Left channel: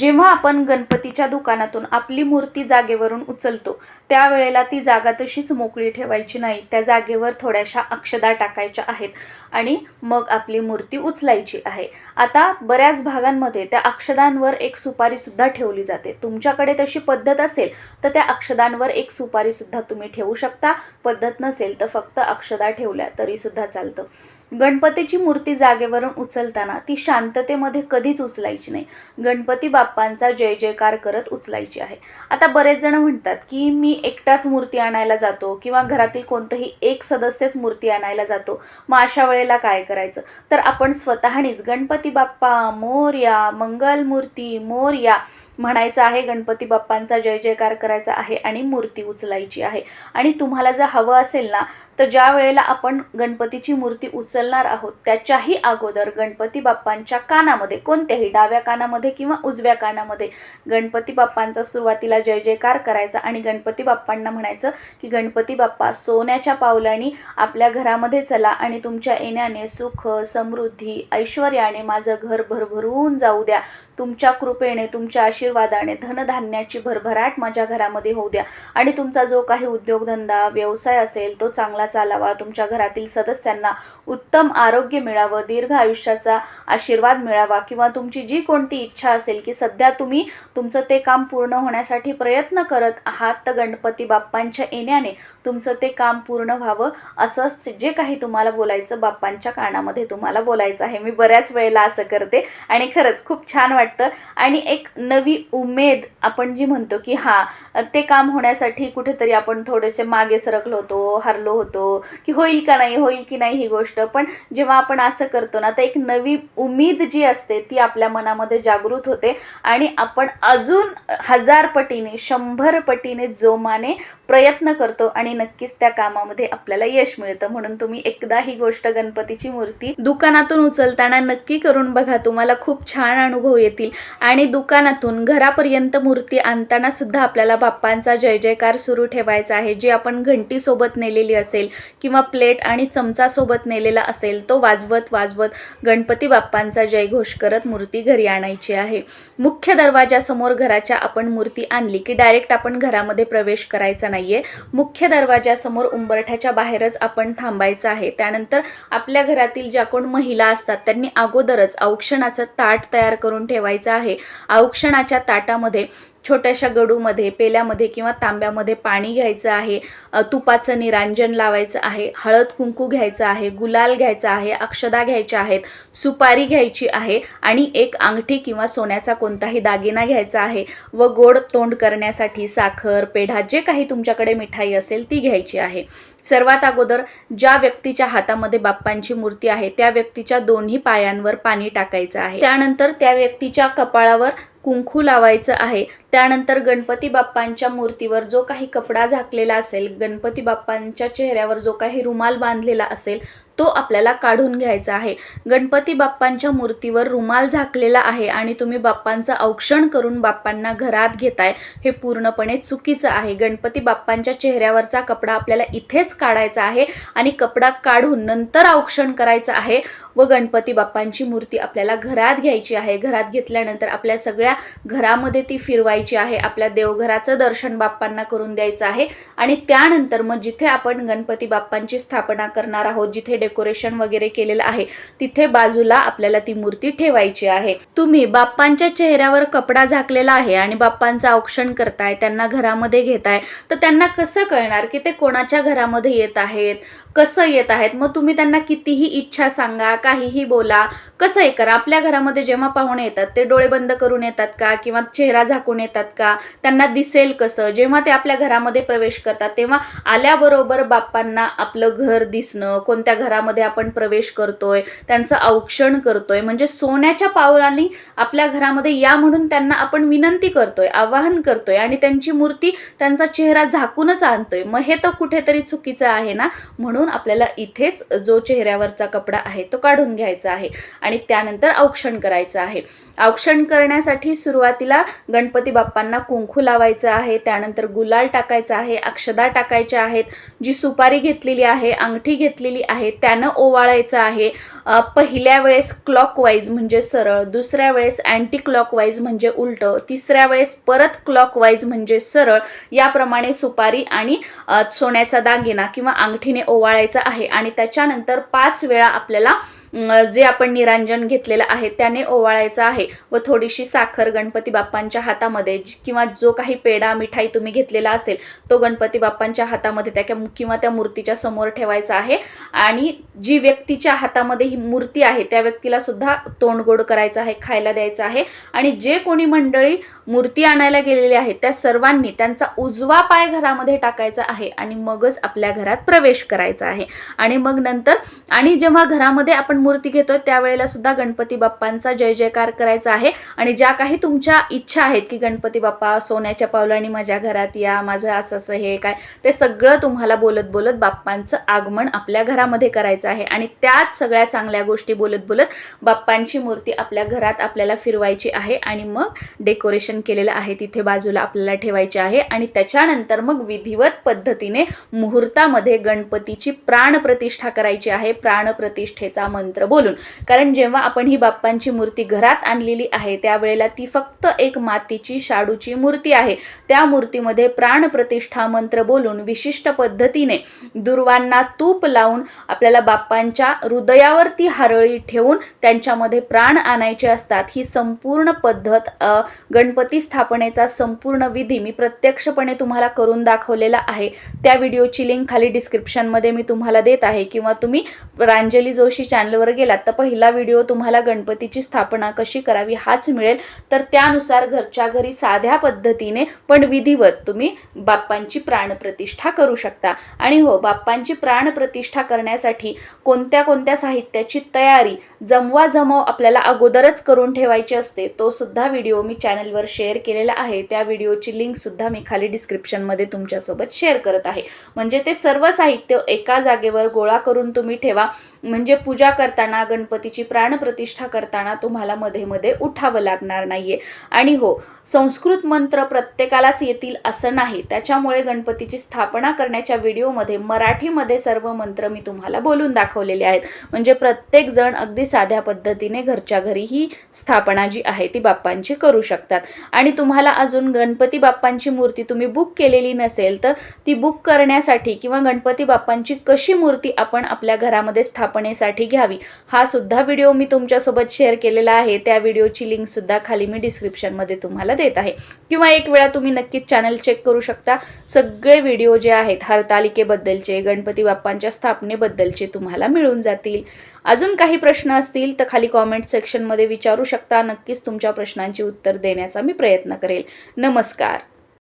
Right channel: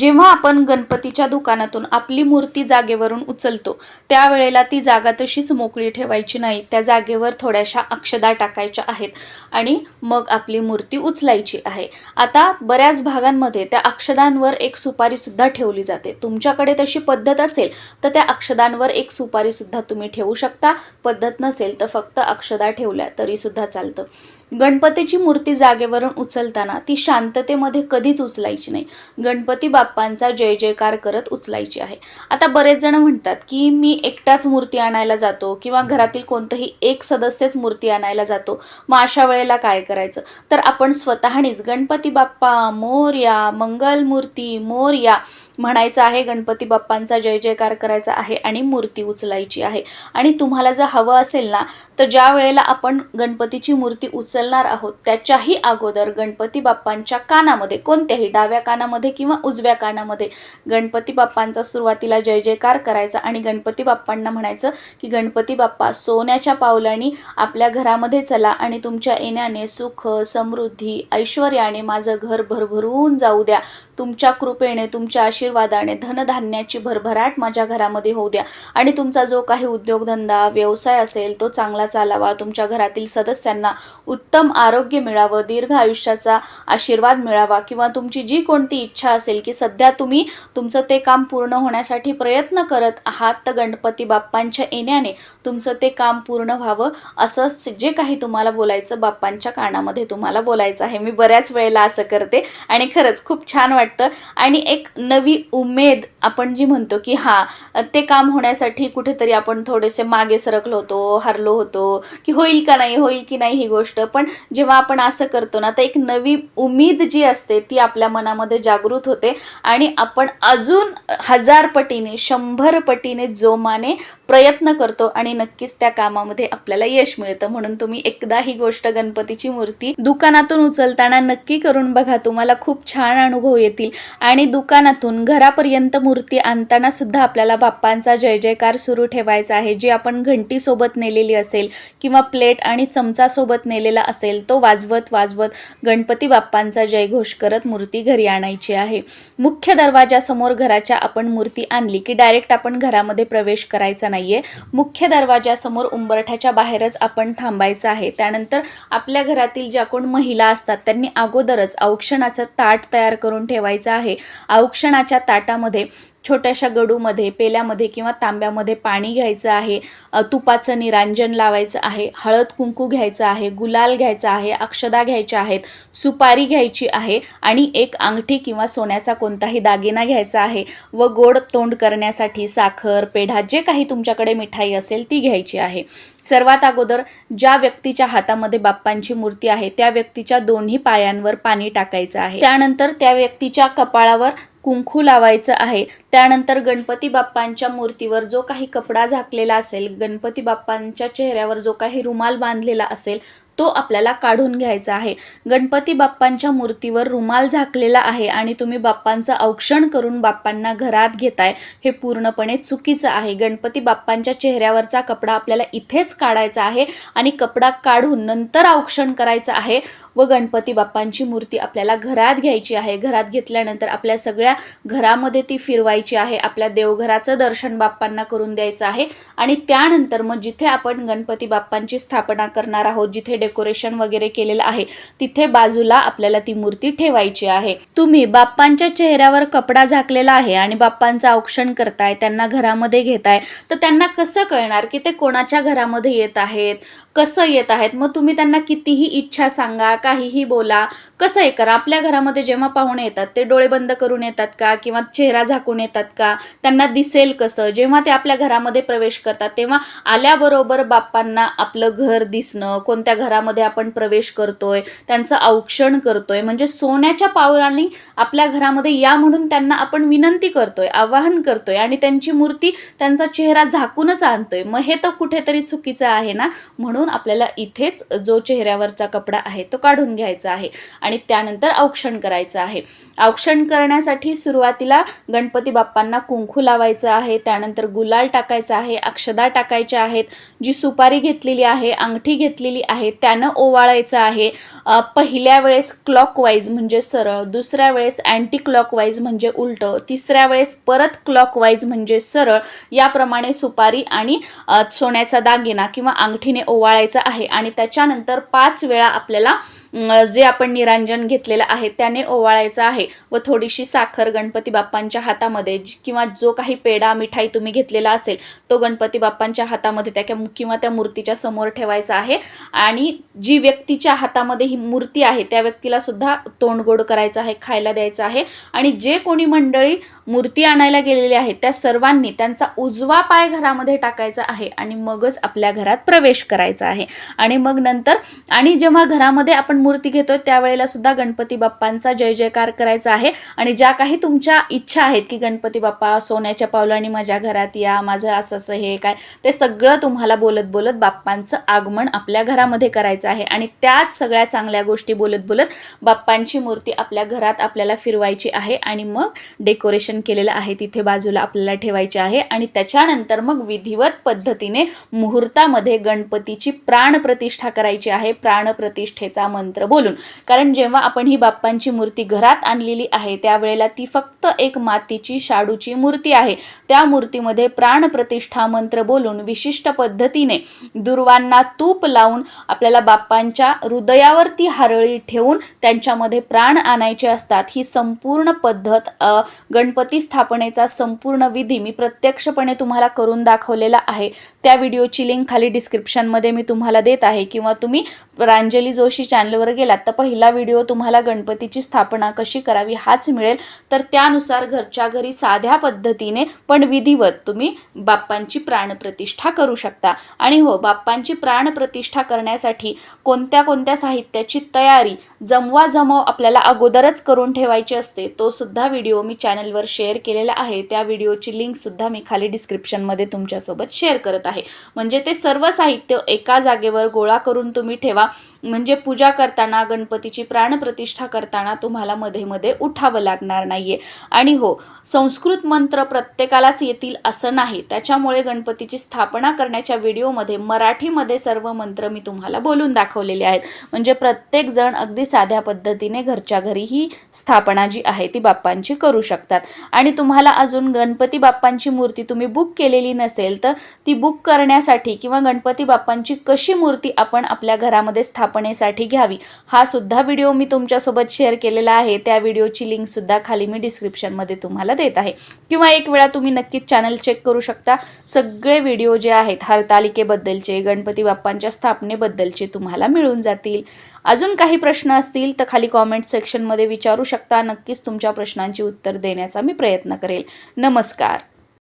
जेव्हा आपण गणपतीच्या दुकानातून आपली मूर्ती जागेवरून उचलतो त्यावेळेला ती जागा तशीच मोकळी ठेवायची नाही. त्या जागेवर थोड्याशा अक्षदा टाकायच्या आहेत आणि मग आपली मूर्ती उचलायची आहे. आता बऱ्याच भागांमध्ये त्या अक्षदांवर एक सुपारी सुद्धा ठेवली जाते. तुमच्याकडे तशी पद्धत असेल तर त्या अक्षदांवर एक सुपारी सुद्धा तुम्ही ठेवू शकता. पद्धत नसेल तर फक्त अक्षदा ठेवल्या तरीसुद्धा चालतं. गणपतीची मूर्ती जागेवरून उचलताना ती शांततेमध्ये कधीच उचलायची नाही. गणपती बाप्पांचा जय जयकार करत उचलायची आहे. आता बरेच जण म्हणतात की मी एकटाच मूर्ती आणायला जातो किंवा घरातील कोणतंही एक सदस्यच मूर्ती आणायला जातो. मग अशा वेळेला काय करायचं? तर आपण स्वतःनीच गणपती बाप्पा मोरया मंगल मूर्ती मोरया म्हणायचं आहे गणपती बाप्पांचा जय जयकार करायचा आहे आणि मूर्ती उचलायची आहे. आणि तुम्हाला जर हवं असेल ना तर ज्या वेळेला आपण गणपतीची मूर्ती उचलणार आहोत त्याच्याही अगोदर गणपती बाप्पांच्या कानामध्ये कोणत्याही डाव्या कानामध्ये किंवा उजव्या कानामध्ये गणपती बाप्पांचा सुरुवातीला जय जयकार करायचा आणि गणपती बाप्पांना म्हणायचं की गणपती बाप्पा सोन्याच्या पावलांनी आपल्या घरामध्ये चला आणि तुमच्या येण्याने सुख समृद्धी ऐश्वर्याने माझं घर भरभरून जाऊ द्या. तुमच्या कृपेने तुमच्या आशीर्वादाने धनधान्याची भरभराट माझ्या घरामध्ये होऊ द्या. आणि तुमचा जो काही उद्योगधंदा व्यवसाय असेल तो चांगला चालावा. तुमच्या घरातील सदस्यांना उत्तम आरोग्य मिळावं दीर्घ आयुष्याचा आशीर्वाद मिळावा किंवा तुमची जी कोणती इच्छा असेल की सध्या तुम्ही तुमचं ते काम पूर्ण होण्यासाठी प्रयत्न करत आहात तर गणपती बाप्पांच्या येण्याने तुमचं ते काम पूर्ण व्हावं. असं जे काही तुम्हाला बोलायचं बाप्पांच्या कानामध्ये तुम्हाला बोलायचं आहे. मी बऱ्याच वेळेला असं करते. आणि खरंच खूप छान वाटतं आणि एक नवी उमेद आपण जी म्हणतो की हां ते काम होण्यासाठी कुठेतरी आपण थोडेसे मागे सरकलो होतो हरलो होतो की होईल का नाही होईल की नाही ही गोष्ट. पण जेव्हा आपण असं करतो ना तर एक नवी उमेद जी असते ती आपल्या मनामध्ये जागृत होते. आणि आपण अजून हजार पटीने शंभर पटीने जोमाने प्रयत्न करतो आणि नक्कीच त्या कामामध्ये आपल्याला यश मिळतं. म्हणून तुम्ही एकदा ही गोष्ट गणपतीची मूर्ती दुकानातून उचलताना नक्की करून बघा. तुम्हाला खूप छान अनुभव येतील. आणि दुकानातून घरापर्यंत मूर्ती आणताना सुद्धा आपल्याला बाप्पांचा जय जयकार सुरू ठेवायचा आहे. जी आपण घंटीसोबत नेलेली असेल किंवा प्लेट आणि चमचासोबत नेलेला असेल तो वाजवत वाजवत गणपती बाप्पांचा जयघोष करत मूर्ती घरी आणायची आहे. मुख्य दरवाजासमोर घराच्या आपण मूर्ती आणली की डायरेक्ट आपण घरामध्ये प्रवेश करायचा नाहीये. मुख्य दरवाजासमोर उंबरठ्याच्या बाहेरच आपण थांबायचं आहे. त्यानंतर आपल्या घरातील ज्या कोण महिला असतात त्यांनी अगोदरच औक्षणाचं ताट तयार करून ठेवायचं आहे. औक्षणाच्या ताटामध्ये छोट्याशा गडूमध्ये पेल्यामध्ये किंवा तांब्यामध्ये पाणी घ्यायचं आहे तुपाचं निरांजन लावायचं आहे हळद कुंकू घ्यायचं आहे गुलाल घ्यायचा आहे अक्षदा घ्यायच्या आहेत सुपारी घ्यायची आहे आणि एक अंगठी किंवा सोन्याचा कोणताही दागिना घ्यायचा आहे व गोड तोंड करण्यासाठी साखर पेढा जे काही तुमच्याकडे मिठाई असेल ती घ्यायची आहे. सर्वात अगोदर ज्या व्यक्तीच्या हातामध्ये बाप्पांची मूर्ती आहे त्या व्यक्तीच्या दोन्ही पायांवर पाणी टाकायचं आहे. त्यानंतर त्या व्यक्तीच्या कपाळावर कुंकू लावायचं आहे. त्यानंतर गणपती बाप्पांच्या मूर्तीवर जो काही कपडा झाकलेला असेल गणपती बाप्पांच्या चेहऱ्यावर जो काही रुमाल बांधलेला असेल तो आपल्याला काढून घ्यायचा आहे. गणपती बाप्पांच्या मूर्तीवर रुमाल झाकलेला आहे आणि तुम्ही बाप्पांचं औक्षण करून बाप्पांना घरात घेताय हे पूर्णपणे चुकीचं आहे. गणपती बाप्पांच्या चेहऱ्यावरचा कपडा आपल्याला इथेच काढायचा आहे आणि कपडा काढून नंतर औक्षण करायचं आहे. व गणपती बाप्पांची मूर्ती आपल्याला घरात घ्यायची आहे. घरात घेतल्यानंतर आपल्या सगळ्या घरामध्ये ती फिरवायची आहे. आपल्या देवघराचं दर्शन बाप्पांना करून द्यायचं आहे. आणि त्यानंतर मग जिथे आपण गणपती बाप्पांची स्थापना करणार आहोत जिथे डेकोरेशन वगैरे केलेलं आहे तिथे बाजूला आपल्याला ती मूर्ती ठेवायची आहे. तुम्ही बाप्पांच्या चेहऱ्यावर कपडा झाकलेला आहे आणि बाप्पांचं औक्षण करताय त्यांना घरामध्ये घेताय तर त्यांना कसं कळणार की ते कोणाच्या घरामध्ये येत आहेत कसं येत आहेत? मग तुम्ही त्यांना कितीही इच्छा सांगा काहीही बोला कसंही करा. आपल्या घरामध्ये जेव्हा पाहुणे येतात ते डोळे बंद करून येतात का? किंवा चेहरा झाकून येतात का? त्यांना दिसेल कसं? जेव्हा ते आपल्या घरामध्ये प्रवेश करतात तेव्हा आल्याबरोबर बाप्पांना आपलं घर दिसणं कोणत्या घरामध्ये आपण प्रवेश करतोय त्यांचं औक्षण करतोय म्हणजे सोन्याच्या पावलांनी आपल्या घरामध्ये या म्हणून त्यांना आपण विनंती करतोय आवाहन करतोय आणि त्यांची मूर्ती त्यांचा चेहरा झाकूनच आणतोय. मग हे तर कुठेतरी चुकीचं आहे ना? म्हणून आपल्याला इथेच जो चेहऱ्यावरचा कपडा आहे तो काढून घ्यायचं आहे आणि त्यानंतर औक्षण करायचं आहे. औक्षण करण्यासाठी सुरुवातीला गणपती बाप्पांना कुंकू लावायचं आहे त्यानंतर गुलाल टाकायचा आहे अक्षदा टाकायच्या आहेत जी सुपारी घेतलेली आहे अंगठी घेतलेली आहे त्यानं ओवाळायचं आहे. पहिल्या वेळेस क्लॉकवाईज म्हणजे सरळ दुसऱ्या वेळेस अँटी क्लॉकवाईज म्हणजे उलटं तिसऱ्या वेळेस परत क्लॉकवाईज म्हणजे सरळ याप्रमाणे सुपारी आणि सोन्याचा दागिना किंवा अंगठीने ओवाळायचा आहे आणि त्याच्यानंतर पाच वेळा आपल्याला जे आपण निरांजन घेतलेलं आहे त्याने ओवाळायचं आहे व थोडीशी साखर गणपती बाप्पांच्या हातामध्ये किंवा जो काही पेढा मिठाई तुम्ही घेतलेला असेल तो गणपती बाप्पांच्या हातामध्ये त्या किंवा त्या मूर्तीच्या समोर ठेवायचा आहे. आणि जी व्यक्तीच्या हातामध्ये ही मूर्ती आहे त्या व्यक्तीला सुद्धा तोंड गोड करायचं आहे खायला द्यायचं आहे. आणि जे कोणी मंडळी मूर्ती आणायला गेलेल्या आहेत त्या सर्वांनी त्यांचा उजवा पाय घरामध्ये टाकायचा आहे आणि मगच आपल्या घरात प्रवेश करायचा आहे. आणि मग नंतर आणि जेव्हा घरामध्ये आपण मूर्ती घेतोय त्यावेळेला सुद्धा गणपती बाप्पांचा जय जयकार करायचा आहे. आणि ज्या काही तुमच्या इच्छा आहेत की गणपती बाप्पा सोन्याच्या पावलाने माझ्या घरात या माझं असं असं हे काय ते सगळं तुम्हाला बोलत बोलत बाप्पांचं आगमन आपल्या घरामध्ये करायचं आहे. आणि त्याच सगळ्या चांगल्या गोष्टी बोलत बोलत बाप्पांची मूर्ती आपल्या घरात आपल्याला फिरवायची आहे. आणि मग डेकोरेशन केलेलं आहे तिथे बाजूला आपल्याला ठेवायचे आहे आणि त्याच्यानंतर मग विधिवत पद्धतीने मुहूर्तामध्ये गणपतीची प्राणप्रतिष्ठा करायची आहे प्राणप्रतिष्ठेचा मंत्र बोलून. कारण जेव्हा आपण ही बाप्पांची मूर्ती घरात आणलेली आहे त्यावेळेला ती फक्त एक मातीची शाडूची मूर्ती आहे. त्या मूर्तीमध्ये प्राणप्रतिष्ठा मंत्र बोलून विशिष्ट पद्धतीने दुर्वांना तूप लावून आपल्याला बाप्पांच्या हृदयावरती हारळी ठेवून त्यांच्यामध्ये प्राण आणायचे असतात. ही संपूर्ण पद्धत गणपती गणपती स्थापनेचा संपूर्ण विधी मी प्रत्यक्षपणे तुम्हाला करून दाखवलेला आहे. त्या व्हिडिओची लिंक खाली डिस्क्रिप्शनमध्ये मी तुम्हाला देत आहे. किंवा तुम्ही प्रांजली जोशी चॅनलवर गेलात तर पहिला व्हिडिओ तुम्हाला गणपतीची स्थापना कशी करावी हाच मिळेल. तर त्यानुसार घरच्या घरी साध्या पद्धतीने पण विधिवत तुम्ही बाप्पांची प्राणप्रतिष्ठा करू शकता. आणि हो बाप्पांची प्राणप्रतिष्ठा करण्यासाठी कोणत्या कोणत्या साहित्याची तयारी जमवा जमव आपल्याला अगोदरच करून ठेवायची असते तो सुद्धा व्हिडिओ मी चॅनलवर शेअर केलेला आहे त्या व्हिडिओची लिंकसुद्धा मी खाली डिस्क्रिप्शनमध्ये तुमच्यासोबत शेअर करत आहे. म्हणजे ते सर्व साहित्य एका जागेवर गोळा करून तुम्ही ठेवा. म्हणजे पूजा करताना गणपतीची प्राणप्रतिष्ठा करताना तुम्हाला मध्ये मध्ये उठावं लागणार नाहीये. आणि हो संस्कृत मंत्र प्रत्येकालाच येतील असं नाही. त्याच्यामुळे गणपतीची स्थापना करण्याच्या व्हिडिओमध्ये मराठीमध्ये सर्व मंत्र मी तुम्हाला बोलून दाखवलेले आहेत. म्हणजे प्रत्येक जण अगदी साध्या पद्धतीने घरच्या घरी ही स्थापना जी आहे ती बाप्पांची करू शकतात. आणि तुम्हाला अजून गणपती बाप्पांची मूर्ती तुम्ही बुक केलेली नसेल तर ती बुक करण्यासाठी किंवा गणपती बाप्पांची कशी मूर्ती आपण आपल्या घरामध्ये स्थापनेसाठी घ्यावी. हा सुद्धा व्हिडिओ मी तुमच्यासोबत शेअर केलेला आहे. त्या व्हिडिओची लिंक सुद्धा खाली मी डिस्क्रिप्शनमध्ये तुम्हाला देत आहे. किंवा एक वेळा तुम्ही नक्कीच चॅनल चेक करू शकता. सगळे व्हिडिओ जे आहेत हरतालिकेबद्दलचे गणपती बाप्पांच्या स्थापनेबद्दलचे तुम्हाला मिळून जातील. अजून काही प्रश्न असतील तर खाली कॉमेंट सेक्शनमध्ये विचारू शकता. नक्कीच तुमच्या प्रश्नांची उत्तर देण्याचा मी प्रयत्न करेल. नमस्कार.